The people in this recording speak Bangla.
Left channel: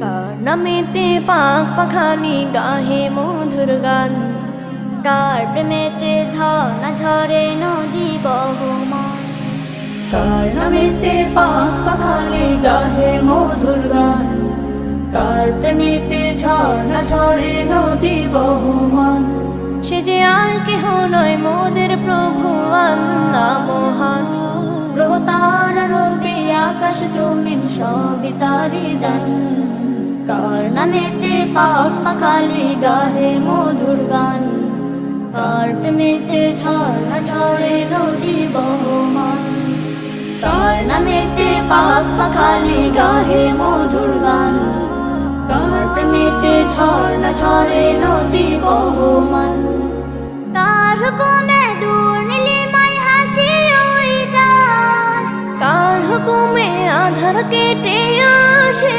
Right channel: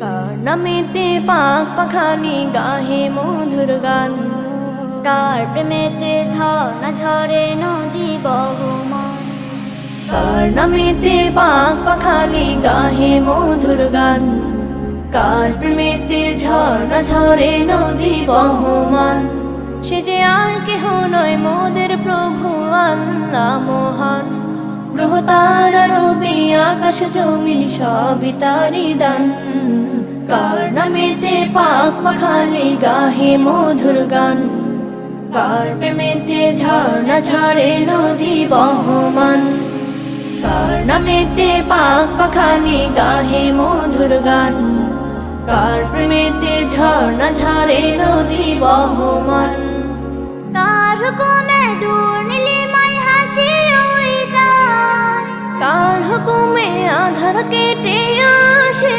কার নামেতে পাক পাখালি গাহে মধুর গান, কার প্রেমেতে ঝর্ণা ঝরে নদী বহমান। কার নামেতে পাক পাখালি গাহে মধুর গান, কার প্রেমেতে ঝর্ণা ঝরে নদী বহমান। সে যে আর কেহ নয় মোদের প্রভু আল্লাহ মহান। গ্রহ তারা রবি আকাশ জমিন সবই তারি দান, কার নামেতে পাক পাখালি গাহে মধুর গান, কার প্রেমেতে ঝর্ণা ঝরে নদী বহমান। কার নামেতে পাক পাখালি গাহে মধুর গান, কার প্রেমেতে ঝর্ণা ঝরে নদী বহমান। কার হুকুমে দূর নীলিমায় হাসি ওই চাঁদ, কার হুকুমে আধার কেটে আসে